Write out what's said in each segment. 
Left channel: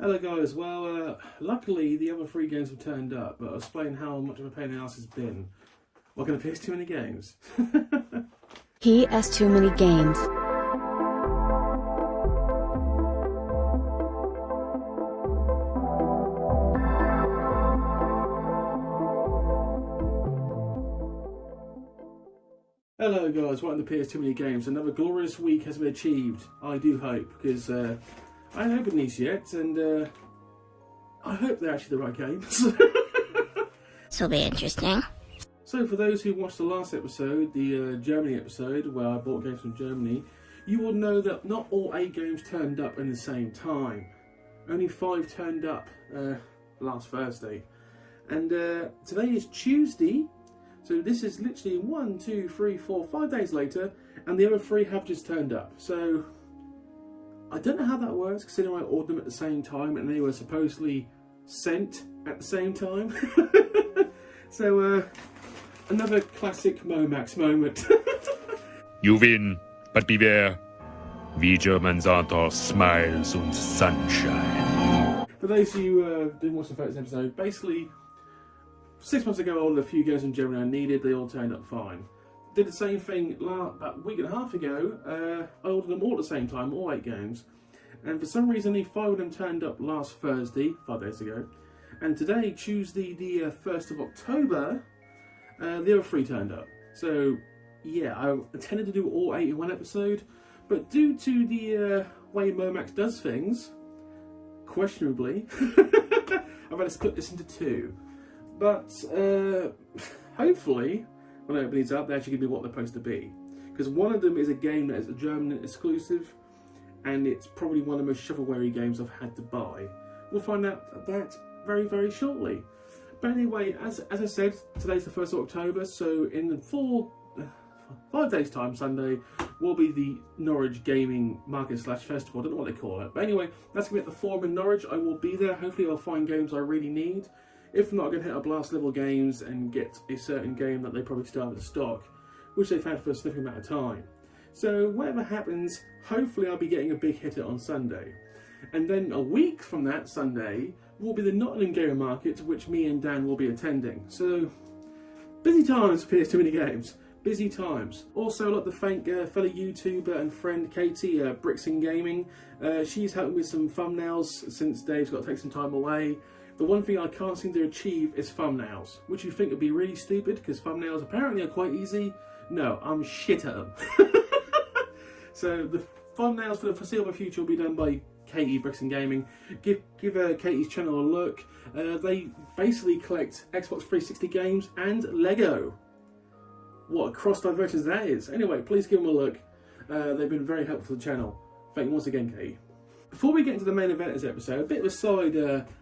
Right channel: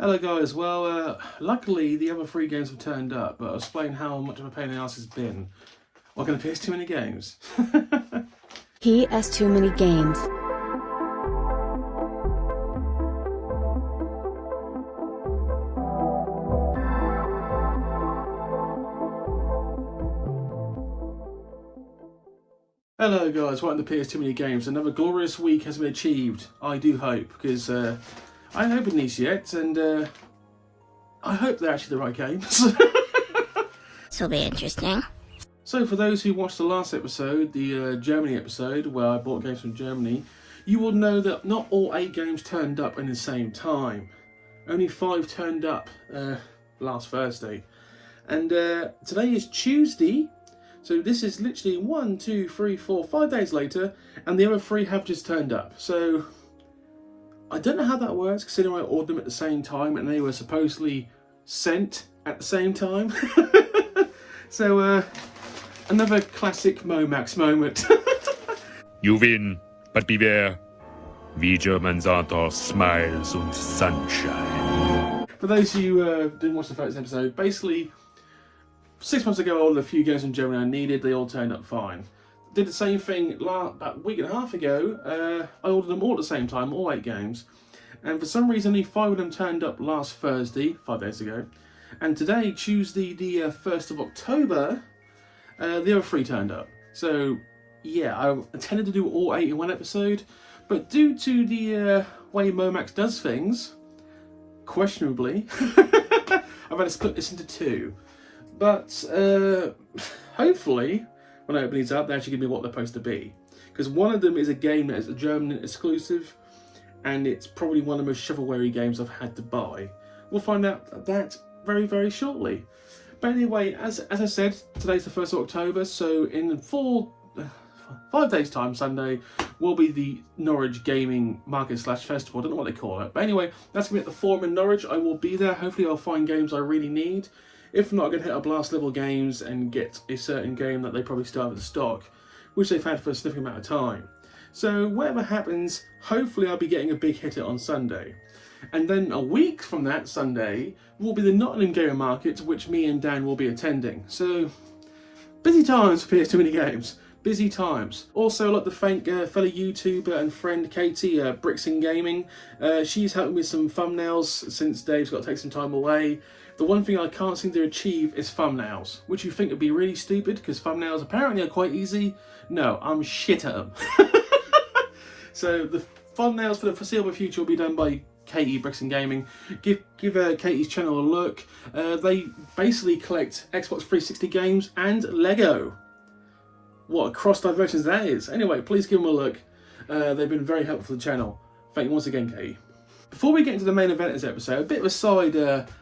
Hello guys, well luckily the other three games have turned up, but I'll explain how much of a pain in the ass it's been. What, gonna piss too many games? He has too many games. Hello guys, welcome to PS Too Many Games. Another glorious week has been achieved, I do hope, because I haven't opened these yet, and I hope they're actually the right games. This'll be interesting. So for those who watched the last episode, the Germany episode, where I bought games from Germany, you will know that not all 8 games turned up in the same time. Only 5 turned up last Thursday. And today is Tuesday, so this is literally 1, 2, 3, 4, 5 days later, and the other 3 have just turned up. So I don't know how that works, considering I ordered them at the same time and they were supposedly sent at the same time. So another classic Momax moment. You win, but beware. We Germans aren't all smiles and sunshine. For those who didn't watch the first episode, basically 6 months ago I ordered a few games from Germany I needed, they all turned up fine. Did the same thing about a week and a half ago. I ordered them all at the same time, all 8 games. And for some reason only 5 of them turned up last Thursday, 5 days ago. And today, Tuesday the 1st of October, the other 3 turned up. So yeah, I intended to do all 8 in one episode, but due to the way Momax does things, questionably, I've had to split this into 2. But hopefully, when I open these up, they actually give me what they're supposed to be. Because one of them is a game that is a German exclusive, and it's probably one of the most shovelware games I've had to buy. We'll find out that very, very shortly. But anyway, as I said, today's the 1st of October, so in 5 days' time, Sunday, will be the Norwich Gaming Market / Festival. I don't know what they call it. But anyway, that's going to be at the Forum in Norwich. I will be there. Hopefully I'll find games I really need. If not, I'm going to hit up Last Level Games and get a certain game that they probably still have in stock, which they've had for a significant amount of time. So whatever happens, hopefully I'll be getting a big hitter on Sunday. And then a week from that Sunday will be the Nottingham Gamer Market, which me and Dan will be attending. So busy times for PS Too Many Games. Busy times. Also, I'd like to thank fellow YouTuber and friend Katie, Bricks and Gaming. She's helped me with some thumbnails since Dave's got to take some time away. The one thing I can't seem to achieve is thumbnails, which you think would be really stupid because thumbnails apparently are quite easy. No, I'm shit at them. So the thumbnails for the foreseeable future will be done by Katie, Bricks and Gaming. Give Katie's channel a look. They basically collect Xbox 360 games and Lego. What a cross diversions that is. Anyway, please give them a look. They've been very helpful to the channel. Thank you once again, Katie. Before we get into the main event of this episode, a bit of a side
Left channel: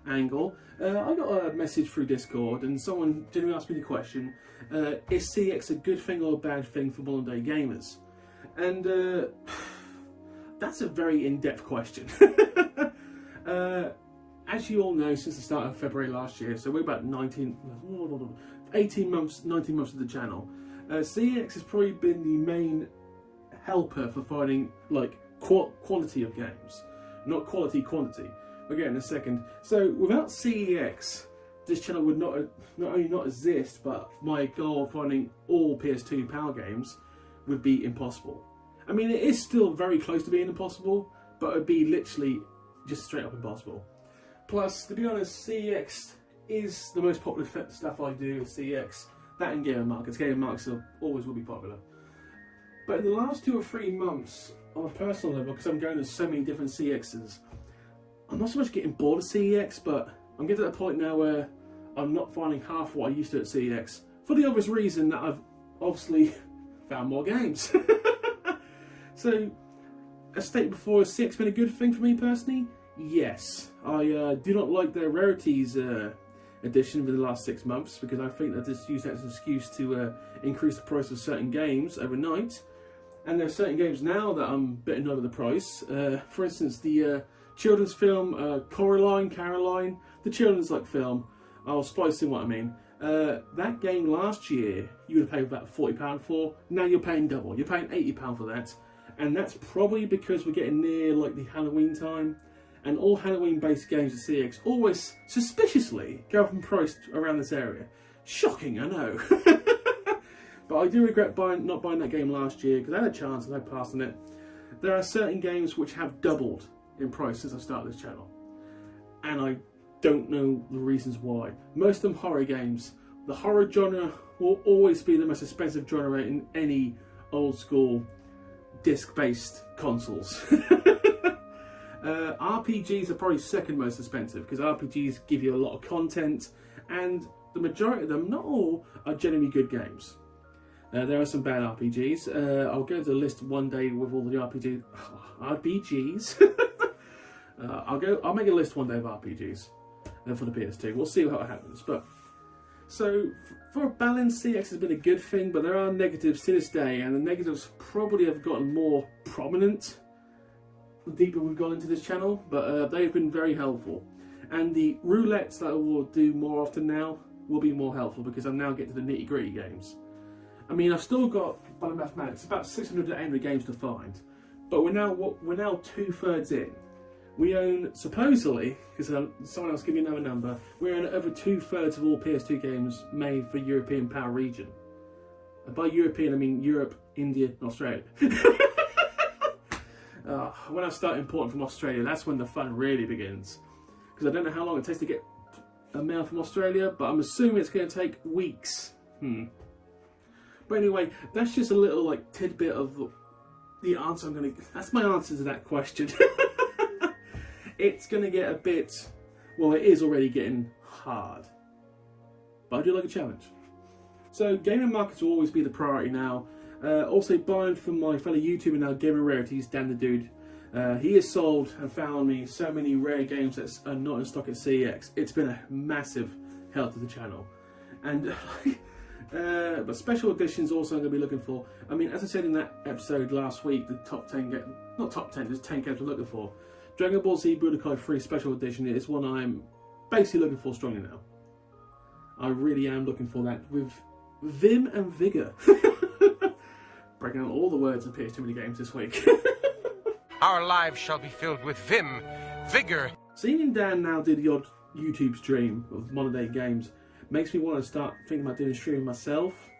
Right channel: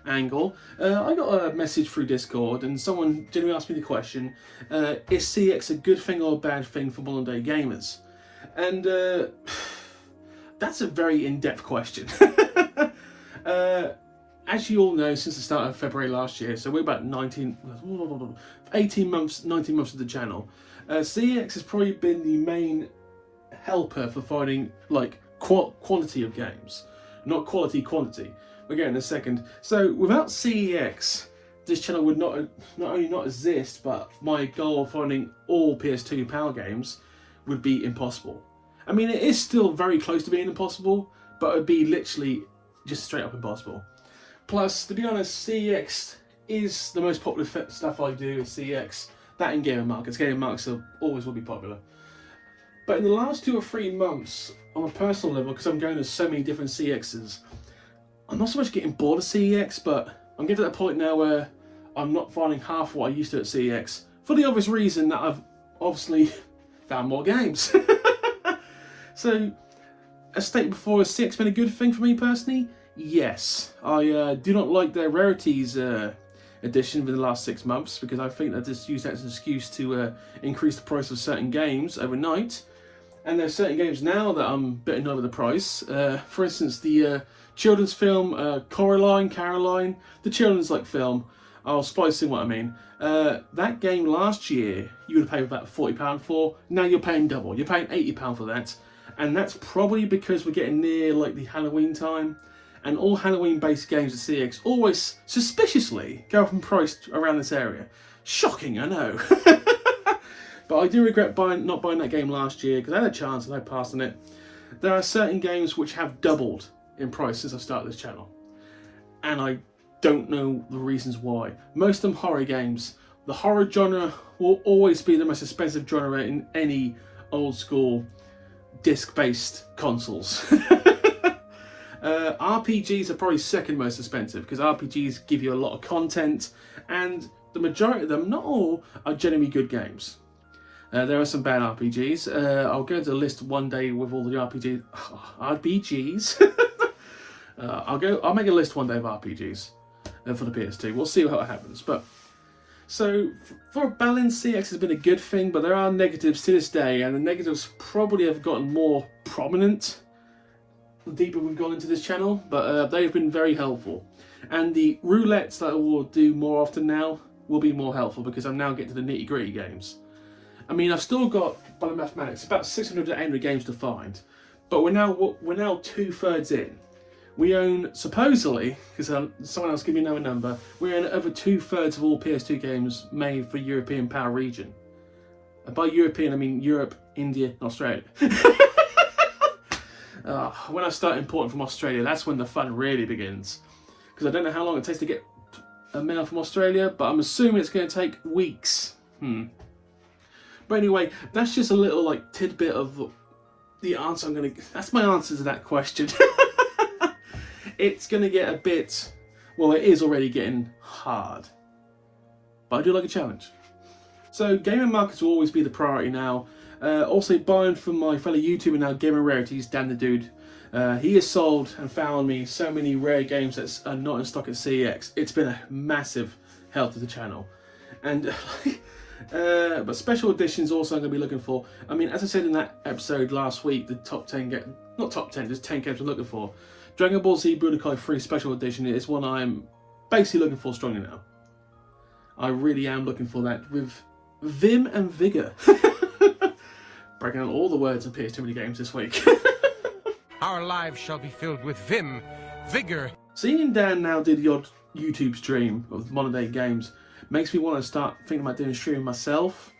angle. I got a message through Discord and someone genuinely asked me the question, is CX a good thing or a bad thing for modern day gamers? And that's a very in-depth question. As you all know, since the start of February last year, so we're about 18 months, 19 months of the channel, CX has probably been the main helper for finding like quality of games. Not quality, quantity. We'll get in a second. So without CEX, this channel would not only not exist, but my goal of finding all PS2 PAL games would be impossible. I mean, it is still very close to being impossible, but it would be literally just straight up impossible. Plus, to be honest, CEX is the most popular stuff I do is CEX. That in gaming markets. Gaming markets always will be popular. But in the last 2 or 3 months, on a personal level, because I'm going to so many different CXs, I'm not so much getting bored of CEX, but I'm getting to that point now where I'm not finding half what I used to at CEX, for the obvious reason that I've obviously found more games. So, as stated before, has CX been a good thing for me personally? Yes. I do not like their rarities edition for the last 6 months, because I think they just use that as an excuse to increase the price of certain games overnight. And there's certain games now that I'm a bit annoyed with the price. For instance, the children's film Caroline, the children's film. I'll splice in what I mean. That game last year you would have paid about £40 for. Now you're paying double. You're paying £80 for that, and that's probably because we're getting near the Halloween time, And all Halloween-based games at CX always suspiciously go up in price around this area. Shocking, I know. But I do regret not buying that game last year because I had a chance and I passed on it. There are certain games which have doubled in price since I started this channel. And I don't know the reasons why. Most of them horror games. The horror genre will always be the most expensive genre in any old school disc-based consoles. RPGs are probably second most expensive because RPGs give you a lot of content, and the majority of them, not all, are genuinely good games. There are some bad RPGs. I'll go into the list one day with all the RPGs. I'll make a list one day of RPGs for the PS2. We'll see how it happens. But so for a balance, CX has been a good thing, but there are negatives to this day, and the negatives probably have gotten more prominent the deeper we've gone into this channel. But they've been very helpful, and the roulettes that I will do more often now will be more helpful because I'm now getting to the nitty-gritty games. I mean, I've still got, by the mathematics, about 600 to 800 games to find, but we're now 2/3 in. We own, supposedly, because someone else gave me another number, we own over 2/3 of all PS2 games made for European power region. And by European, I mean Europe, India, and Australia. When I start importing from Australia, that's when the fun really begins. Because I don't know how long it takes to get a mail from Australia, but I'm assuming it's going to take weeks. But anyway, that's just a little tidbit of the answer I'm going to... That's my answer to that question. It's going to get a bit... Well, it is already getting hard. But I do like a challenge. So gaming markets will always be the priority now. Also buying from my fellow YouTuber now, Gamer Rarities, Dan the Dude. He has sold and found me so many rare games that are not in stock at CEX. It's been a massive help to the channel. And... but special editions also I'm going to be looking for. I mean, as I said in that episode last week, the top 10 not top 10, just 10 games I'm looking for. Dragon Ball Z Budokai 3 Special Edition is one I'm basically looking for strongly now. I really am looking for that with vim and vigour. Breaking out all the words in PS2 mini games this week. Our lives shall be filled with vim, vigour. Seeing Dan now do the odd YouTube stream of modern day games makes me want to start thinking about doing streaming myself.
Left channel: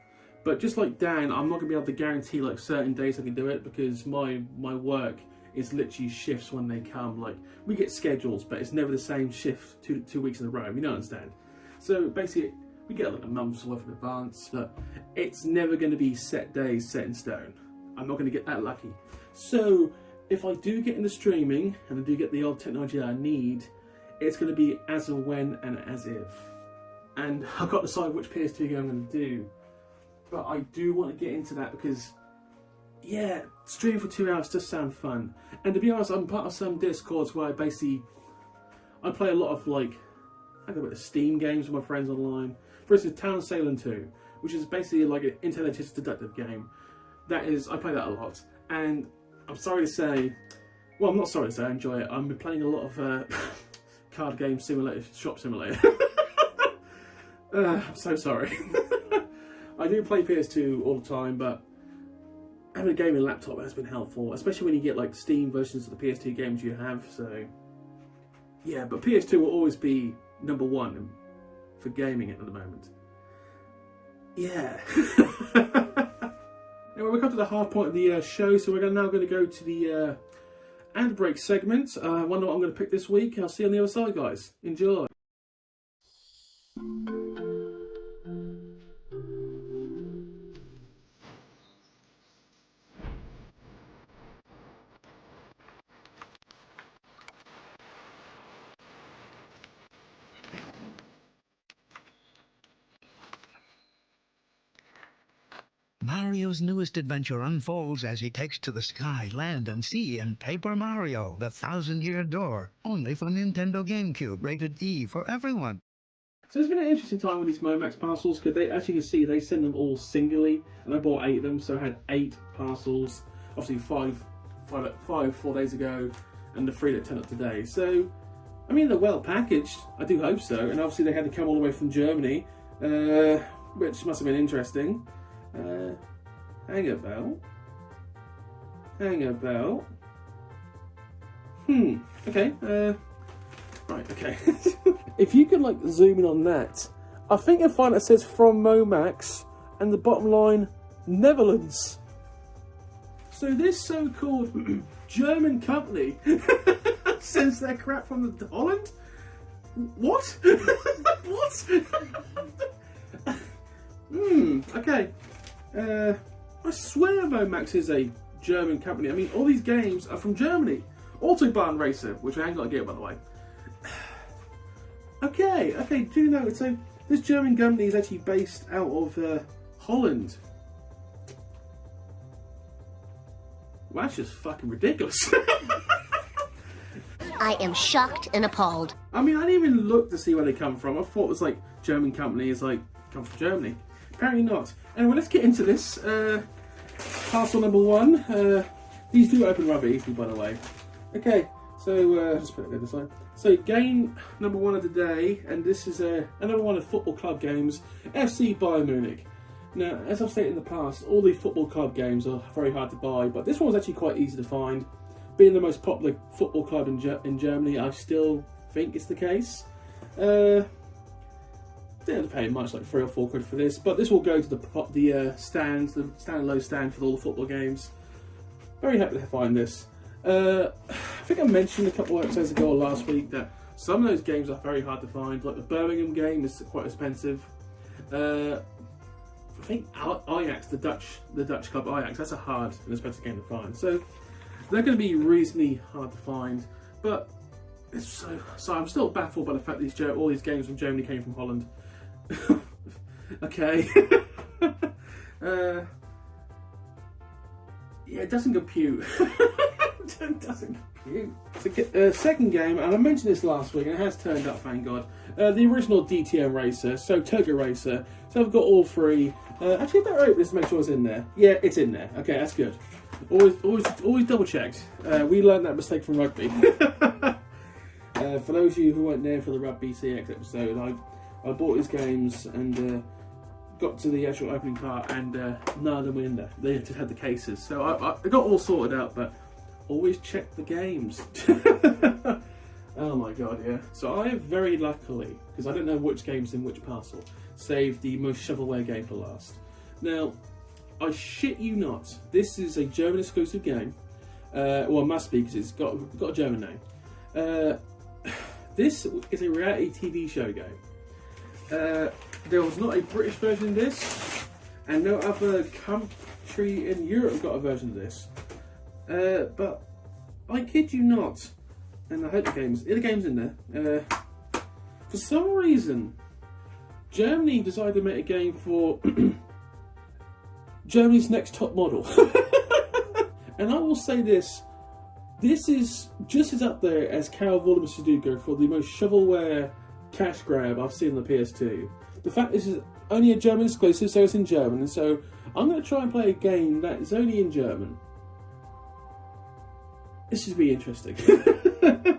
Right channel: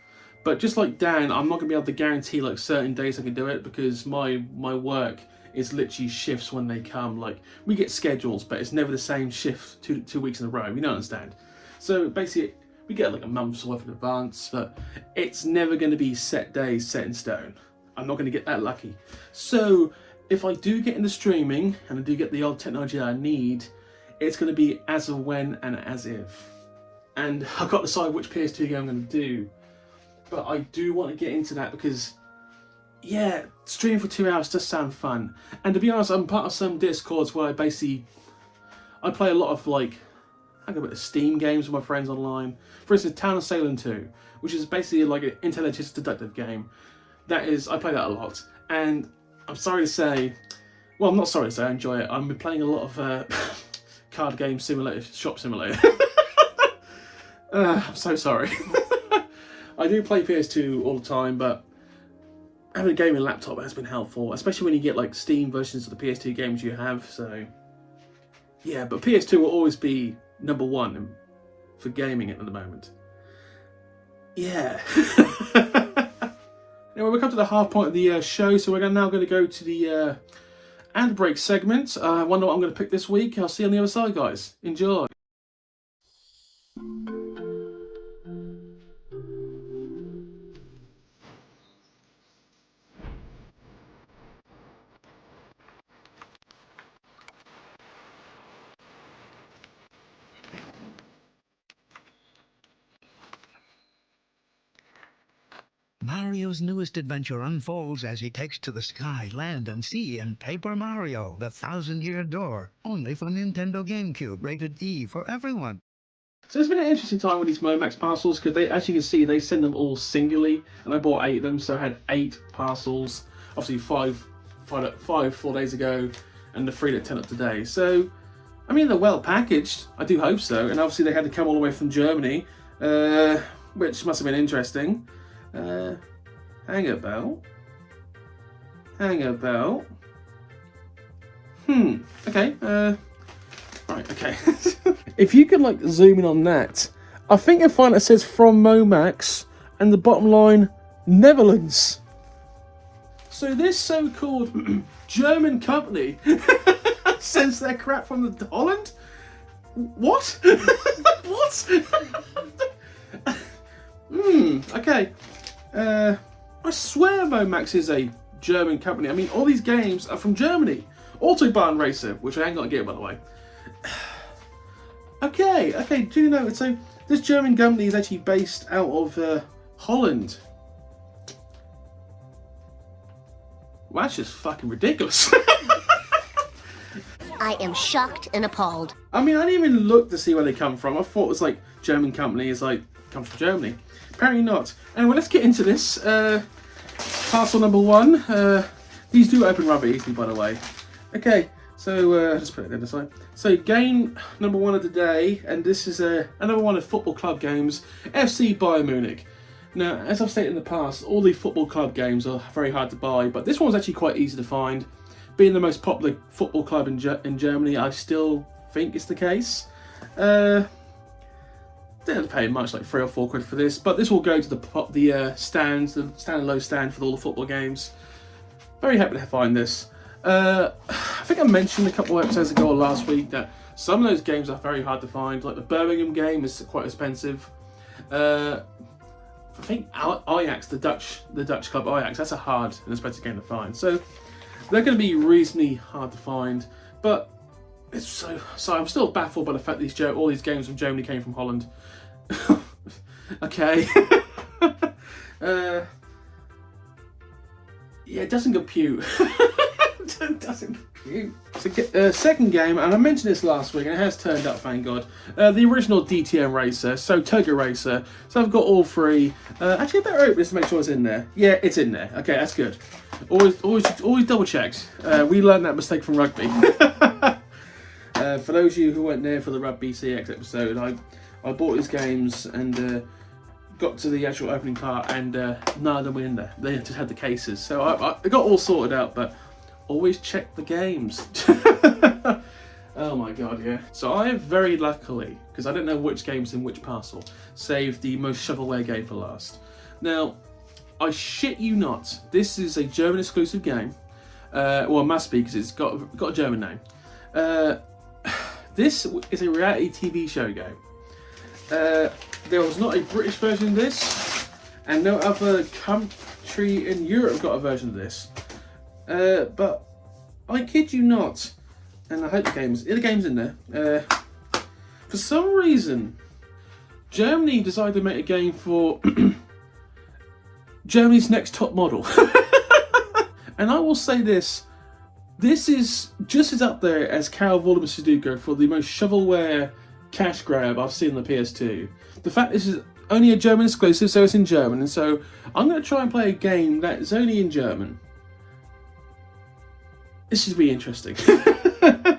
But just like Dan, I'm not going to be able to guarantee certain days I can do it because my work is literally shifts when they come. We get schedules, but it's never the same shift two weeks in a row. You don't understand. So basically, we get a month's worth in advance, but it's never going to be set days set in stone. I'm not going to get that lucky. So if I do get into streaming and I do get the old technology that I need, it's going to be as of when and as if. And I've got to decide which PS2 game I'm going to do. But I do want to get into that because, yeah, streaming for 2 hours does sound fun. And to be honest, I'm part of some Discords where I play a lot of I go a bit of Steam games with my friends online. For instance, Town of Salem 2, which is basically an intelligence deductive game. I play that a lot. And I'm sorry to say, well, I'm not sorry to say I enjoy it. I'm playing a lot of card game simulator, shop simulator. I'm so sorry. I do play PS2 all the time, but having a gaming laptop has been helpful, especially when you get Steam versions of the PS2 games you have. So yeah, but PS2 will always be number one for gaming at the moment. Yeah. Anyway, we've come to the half point of the show, so we're now going to go to the ad break segment. I wonder what I'm going to pick this week. I'll see you on the other side, guys. Enjoy. Mario's newest adventure unfolds as he takes to the sky, land, and sea in Paper Mario, the 1,000-Year Door, only for Nintendo GameCube, rated E for everyone. So it's been an interesting time with these Momax parcels because as you can see, they send them all singly, and I bought 8 of them, so I had 8 parcels. Obviously 4 days ago, and the 3 that turned up today. So, I mean, they're well packaged. I do hope so. And obviously they had to come all the way from Germany, which must have been interesting. Hang about. Okay. Right. Okay. If you could like zoom in on that, I think you'll find it says from Momax, and the bottom line, Netherlands. So this so-called German company sends their crap from Holland. What? What? Okay. I swear Momax is a German company. I mean, all these games are from Germany. Autobahn Racer, which I ain't got to get, by the way. Okay, do you know, so this German company is actually based out of Holland. Well, that's just fucking ridiculous. I am shocked and appalled. I mean, I didn't even look to see where they come from. I thought it was like German company is like, come from Germany. Apparently not. Anyway, let's get into this. Parcel number 1. These do open rather easily, by the way. Okay, so just put it there this side. So game number 1 of the day, and this is another one of football club games, FC Bayern Munich. Now, as I've stated in the past, all the football club games are very hard to buy, but this one's actually quite easy to find. Being the most popular football club in Germany, I still think it's the case. Didn't have to pay much, like 3 or 4 quid for this, but this will go to the stands, the stand and low stand for all the football games. Very happy to find this. I think I mentioned a couple of episodes ago or last week that some of those games are very hard to find. Like the Birmingham game is quite expensive. I think Ajax, the Dutch club Ajax, that's a hard and expensive game to find. So they're going to be reasonably hard to find, but it's so I'm still baffled by the fact that all these games from Germany came from Holland. Okay. Yeah, it doesn't compute. It doesn't compute. So, second game, and I mentioned this last week, and it has turned up, thank God. The original DTM Racer, so Toga Racer. So I've got all 3. Actually, I better open this to make sure it's in there. Yeah, it's in there. Okay, that's good. Always double checked. We learned that mistake from rugby. For those of you who weren't there for the Rugby CX episode, I bought these games and got to the actual opening part, and none of them were in there. They just had the cases. So I got all sorted out, but always check the games. Oh my god, yeah. So I have very luckily, because I don't know which game's in which parcel, saved the most shovelware game for last. Now, I shit you not, this is a German exclusive game. Well, it must be, because it's got a German name. This is a reality TV show game. There was not a British version of this, and no other country in Europe got a version of this. But I kid you not, and I hope the game's in there. For some reason, Germany decided to make a game for Germany's Next Top Model. And I will say this is just as up there as Carol Vorderman Sudoku for the most shovelware cash grab I've seen on the PS2. The fact this is only a German exclusive, so it's in German, and so I'm going to try and play a game that is only in German. This should be interesting.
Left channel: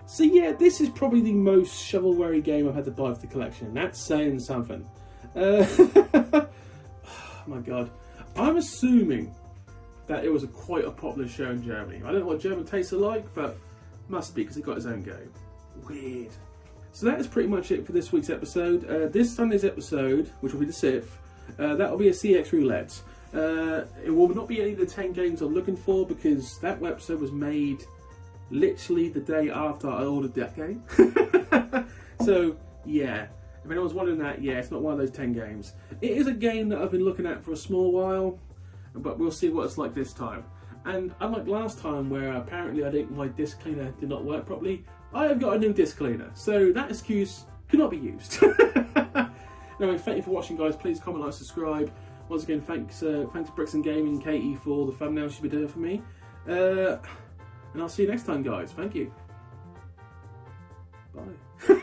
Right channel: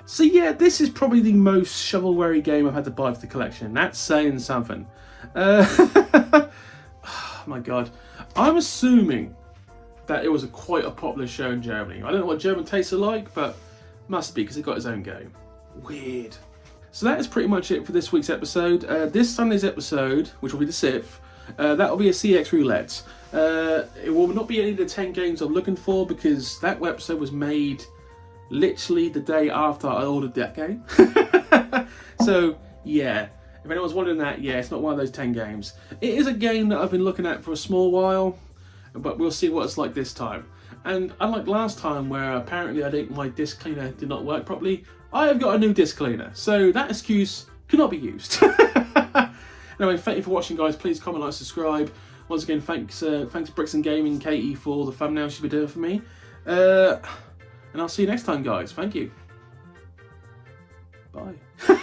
So yeah, this is probably the most shovelware game I've had to buy for the collection. That's saying something. Oh my god. I'm assuming that it was quite a popular show in Germany. I don't know what German tastes are like, but must be, because it got its own game. Weird. So that is pretty much it for this week's episode. This Sunday's episode, which will be the 6th, that will be a CX roulette. It will not be any of the 10 games I'm looking for, because that episode was made literally the day after I ordered that game. So yeah, if anyone's wondering that, yeah, it's not one of those 10 games. It is a game that I've been looking at for a small while, but we'll see what it's like this time. And unlike last time, where apparently my disc cleaner did not work properly, I have got a new disc cleaner, so that excuse cannot be used. Anyway, thank you for watching, guys. Please comment, like, subscribe. Once again, thanks Bricks and Gaming, Katie, for the thumbnail she's been doing for me. And I'll see you next time, guys. Thank you. Bye.